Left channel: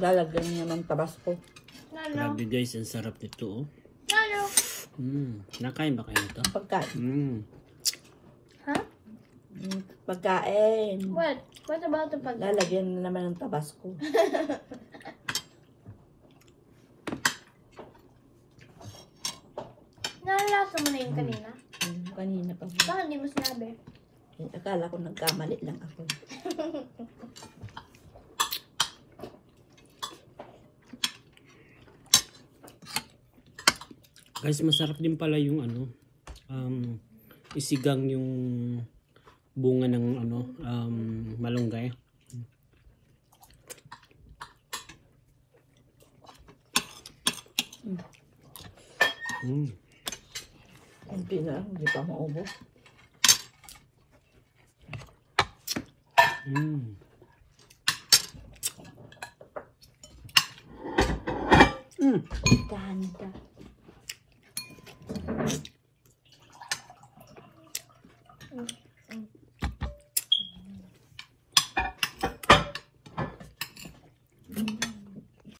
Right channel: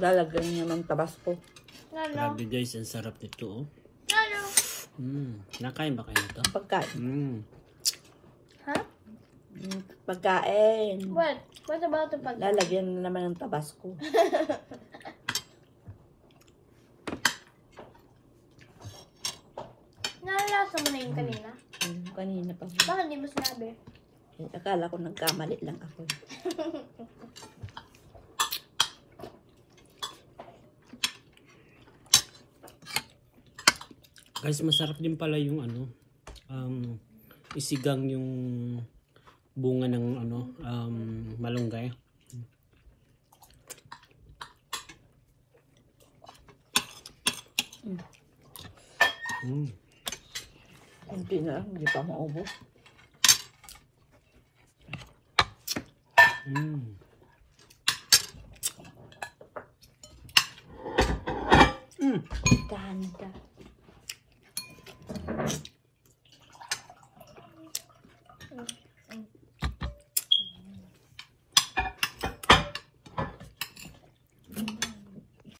Lalagyan niya ng tabasco. Grabe guys, ang sarap nito. Oh. Nakain ba kayo nito? Pagkain. Pagkain. What about the pagkain? Lalagyan mo naman ng tabasco. Nahalasa mo na yung kanina? Kanina pa. Bakit hindi mo sinabi? Akala ko nagkamali lang ako. Guys, masarap din pala yung isigang yung bunga ng malunggay. Hindi na, hindi pa maubos. Tahan ka.